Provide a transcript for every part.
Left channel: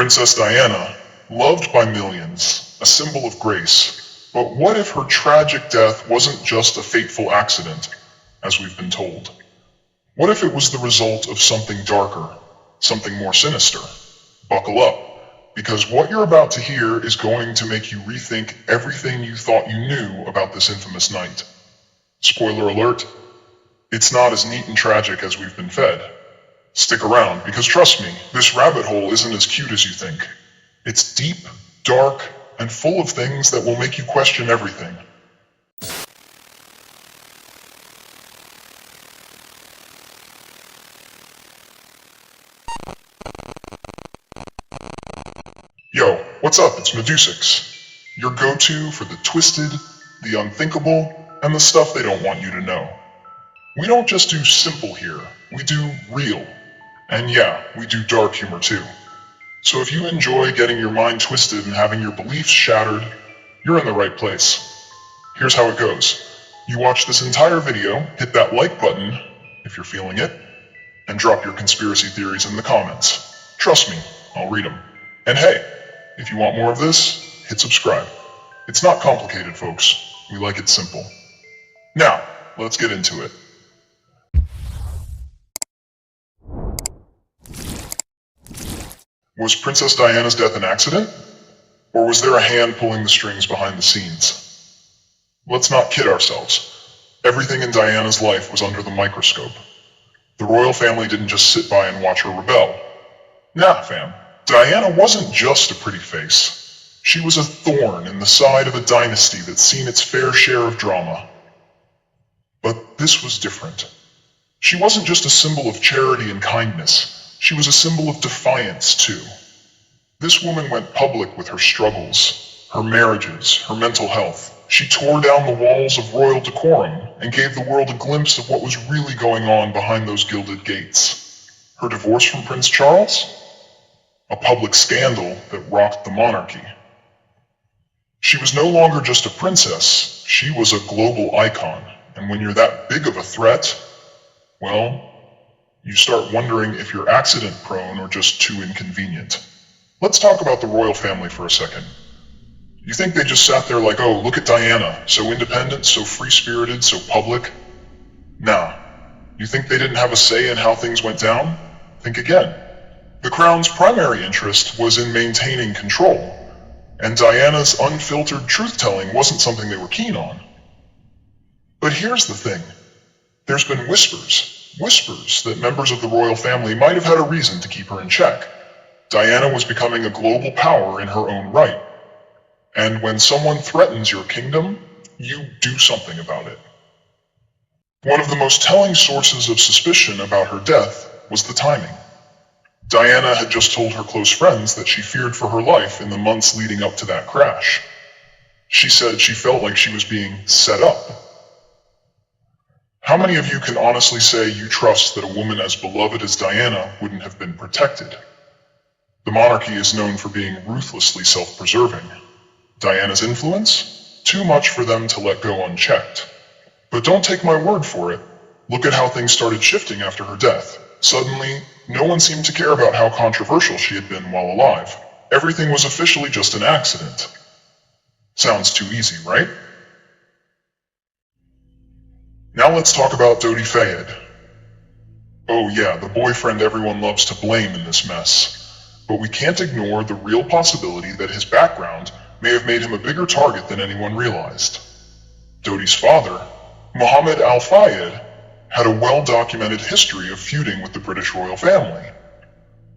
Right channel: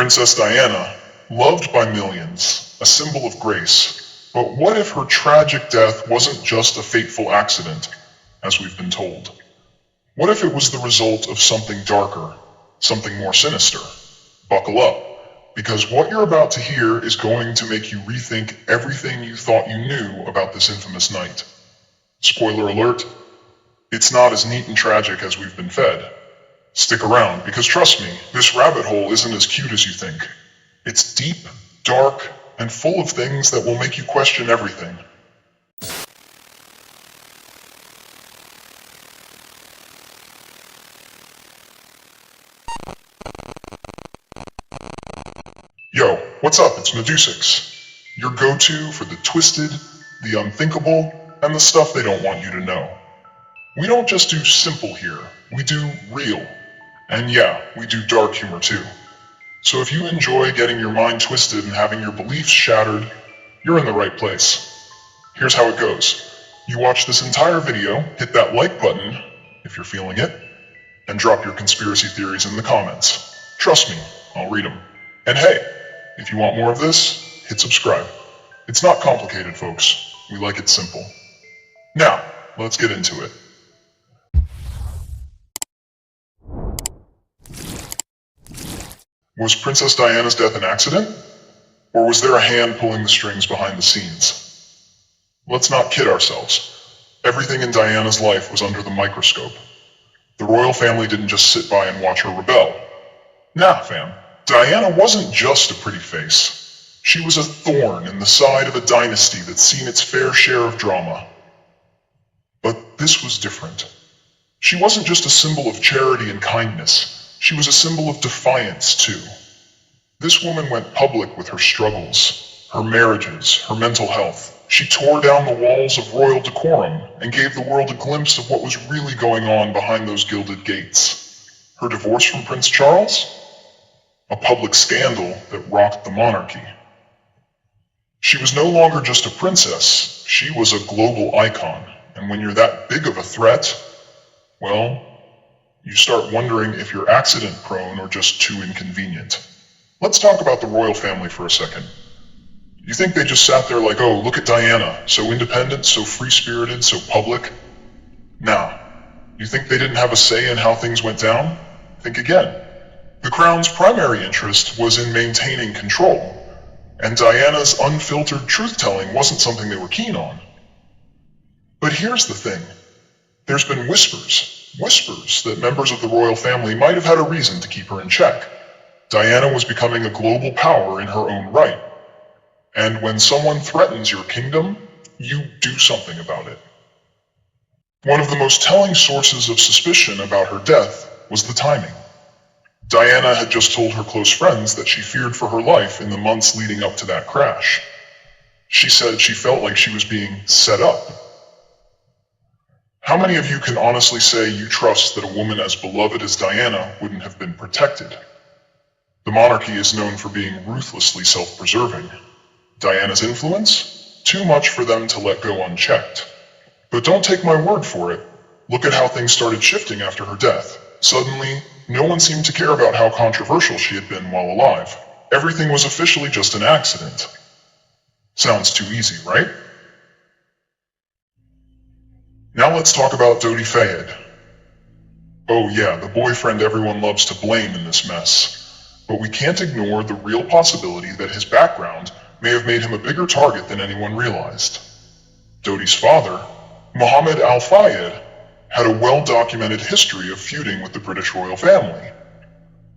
Princess Diana, loved by millions, a symbol of grace. But what if her tragic death wasn't just a fateful accident, as we've been told? What if it was the result of something darker, something more sinister? Buckle up, because what you're about to hear is going to make you rethink everything you thought you knew about this infamous night. Spoiler alert, it's not as neat and tragic as we've been fed. Stick around, because trust me, this rabbit hole isn't as cute as you think. It's deep, dark, and full of things that will make you question everything. Yo, what's up? It's Medusix, your go-to for the twisted, the unthinkable, and the stuff they don't want you to know. We don't just do simple here, we do real. And yeah, we do dark humor too. So if you enjoy getting your mind twisted and having your beliefs shattered, you're in the right place. Here's how it goes. You watch this entire video, hit that like button, if you're feeling it, and drop your conspiracy theories in the comments. Trust me, I'll read them. And hey, if you want more of this, hit subscribe. It's not complicated, folks. We like it simple. Now, let's get into it. Was Princess Diana's death an accident? Or was there a hand pulling the strings behind the scenes? Let's not kid ourselves. Everything in Diana's life was under the microscope. The royal family didn't just sit by and watch her rebel. Nah, fam. Diana wasn't just a pretty face. She was a thorn in the side of a dynasty that's seen its fair share of drama. But this was different. She wasn't just a symbol of charity and kindness. She was a symbol of defiance, too. This woman went public with her struggles, her marriages, her mental health. She tore down the walls of royal decorum and gave the world a glimpse of what was really going on behind those gilded gates. Her divorce from Prince Charles? A public scandal that rocked the monarchy. She was no longer just a princess, she was a global icon. And when you're that big of a threat, well, you start wondering if you're accident-prone or just too inconvenient. Let's talk about the royal family for a second. You think they just sat there like, oh, look at Diana, so independent, so free-spirited, so public? Nah. You think they didn't have a say in how things went down? Think again. The crown's primary interest was in maintaining control, and Diana's unfiltered truth-telling wasn't something they were keen on. But here's the thing. There's been whispers that members of the royal family might have had a reason to keep her in check. Diana was becoming a global power in her own right. And when someone threatens your kingdom, you do something about it. One of the most telling sources of suspicion about her death was the timing. Diana had just told her close friends that she feared for her life in the months leading up to that crash. She said she felt like she was being set up. How many of you can honestly say you trust that a woman as beloved as Diana wouldn't have been protected? The monarchy is known for being ruthlessly self-preserving. Diana's influence? Too much for them to let go unchecked. But don't take my word for it. Look at how things started shifting after her death. Suddenly, no one seemed to care about how controversial she had been while alive. Everything was officially just an accident. Sounds too easy, right? Now let's talk about Dodi Fayed. Oh yeah, the boyfriend everyone loves to blame in this mess. But we can't ignore the real possibility that his background may have made him a bigger target than anyone realized. Dodi's father, Mohammed Al Fayed, had a well-documented history of feuding with the British royal family.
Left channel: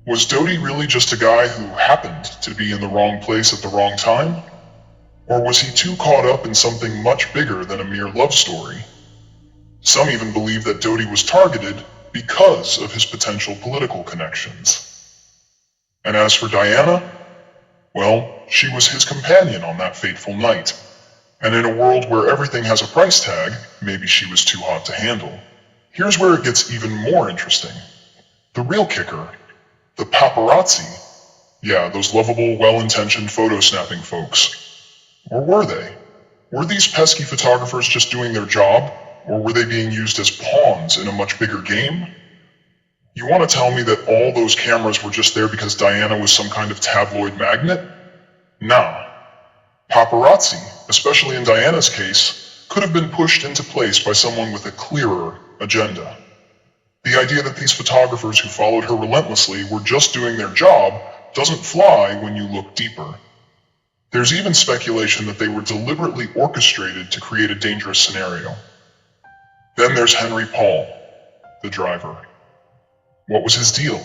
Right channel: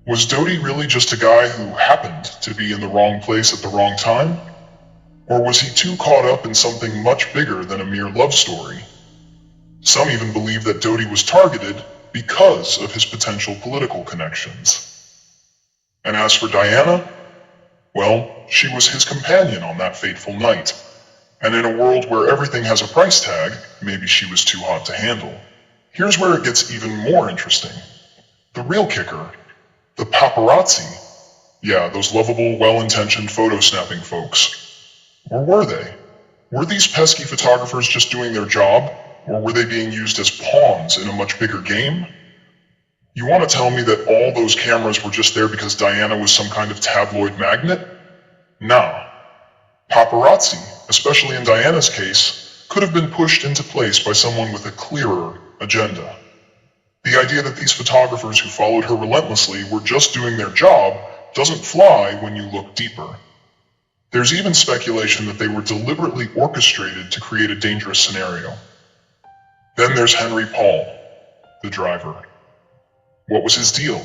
Was Dodi really just a guy who happened to be in the wrong place at the wrong time? Or was he too caught up in something much bigger than a mere love story? Some even believe that Dodi was targeted because of his potential political connections. And as for Diana, well, she was his companion on that fateful night. And in a world where everything has a price tag, maybe she was too hot to handle. Here's where it gets even more interesting. The real kicker, the paparazzi. Yeah, those lovable, well-intentioned photo-snapping folks. Or were they? Were these pesky photographers just doing their job? Or were they being used as pawns in a much bigger game? You want to tell me that all those cameras were just there because Diana was some kind of tabloid magnet? Nah. Paparazzi, especially in Diana's case, could have been pushed into place by someone with a clearer agenda. The idea that these photographers who followed her relentlessly were just doing their job doesn't fly when you look deeper. There's even speculation that they were deliberately orchestrated to create a dangerous scenario. Then there's Henry Paul, the driver. What was his deal?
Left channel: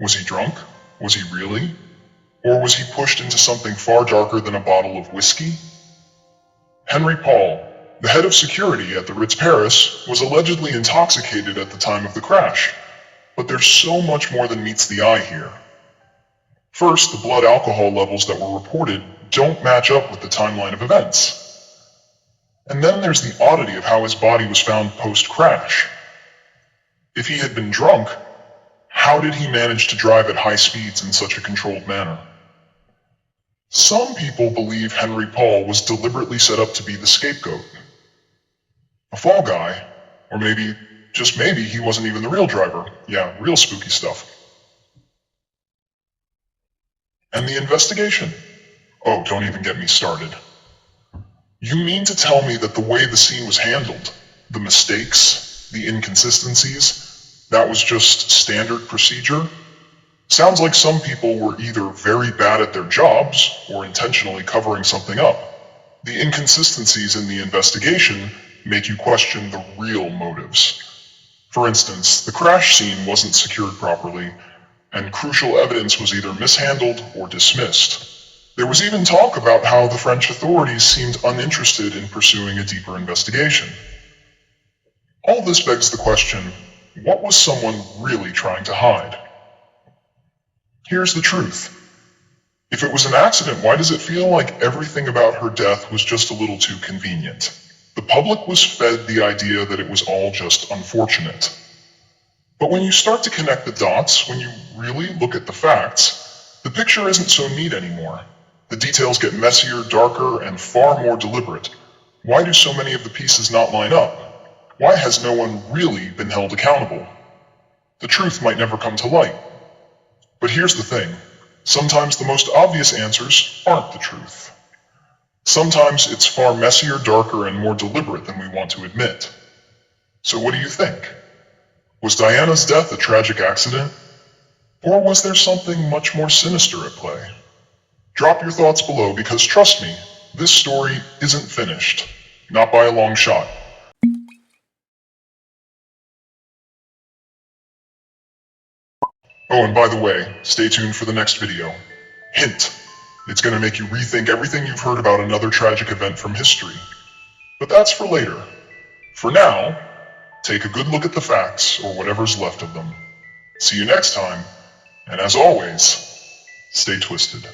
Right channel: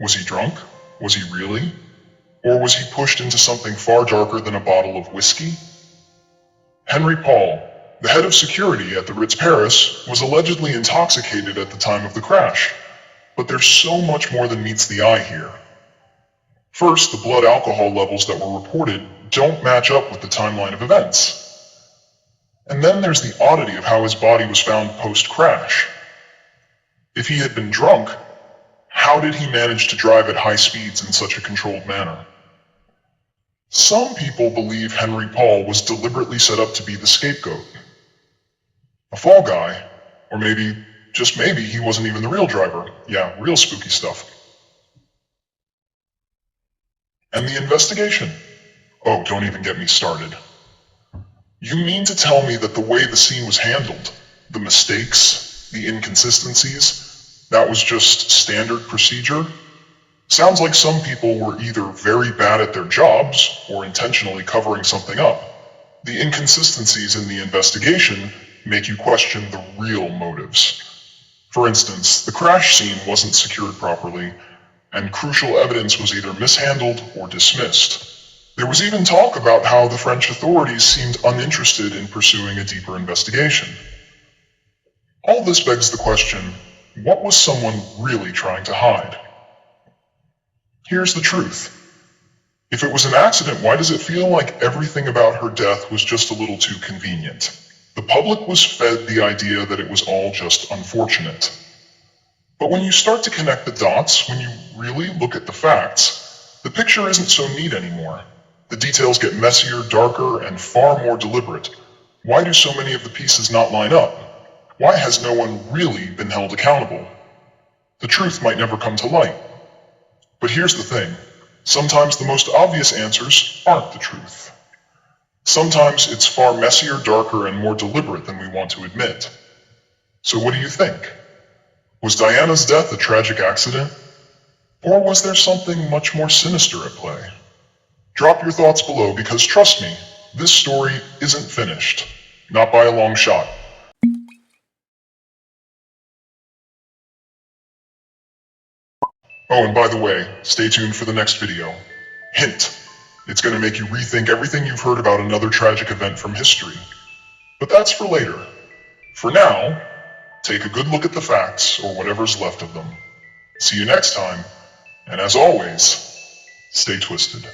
Was he drunk? Was he really? Or was he pushed into something far darker than a bottle of whiskey? Henry Paul, the head of security at the Ritz Paris, was allegedly intoxicated at the time of the crash. But there's so much more than meets the eye here. First, the blood alcohol levels that were reported don't match up with the timeline of events. And then there's the oddity of how his body was found post-crash. If he had been drunk, how did he manage to drive at high speeds in such a controlled manner? Some people believe Henry Paul was deliberately set up to be the scapegoat. A fall guy, or maybe, just maybe, he wasn't even the real driver. Yeah, real spooky stuff. And the investigation? Oh, don't even get me started. You mean to tell me that the way the scene was handled, the mistakes, the inconsistencies, that was just standard procedure? Sounds like some people were either very bad at their jobs or intentionally covering something up. The inconsistencies in the investigation make you question the real motives. For instance, the crash scene wasn't secured properly, and crucial evidence was either mishandled or dismissed. There was even talk about how the French authorities seemed uninterested in pursuing a deeper investigation. All this begs the question, what was someone really trying to hide? Here's the truth. If it was an accident, why does it feel like everything about her death was just a little too convenient? The public was fed the idea that it was all just unfortunate. But when you start to connect the dots, when you really look at the facts, the picture isn't so neat anymore. The details get messier, darker, and far more deliberate. Why do so many of the pieces not line up? Why has no one really been held accountable? The truth might never come to light. But here's the thing. Sometimes the most obvious answers aren't the truth. Sometimes it's far messier, darker, and more deliberate than we want to admit. So what do you think? Was Diana's death a tragic accident? Or was there something much more sinister at play? Drop your thoughts below because trust me, this story isn't finished. Not by a long shot. Oh, and by the way, stay tuned for the next video. Hint, it's going to make you rethink everything you've heard about another tragic event from history. But that's for later. For now, take a good look at the facts, or whatever's left of them. See you next time, and as always, stay twisted.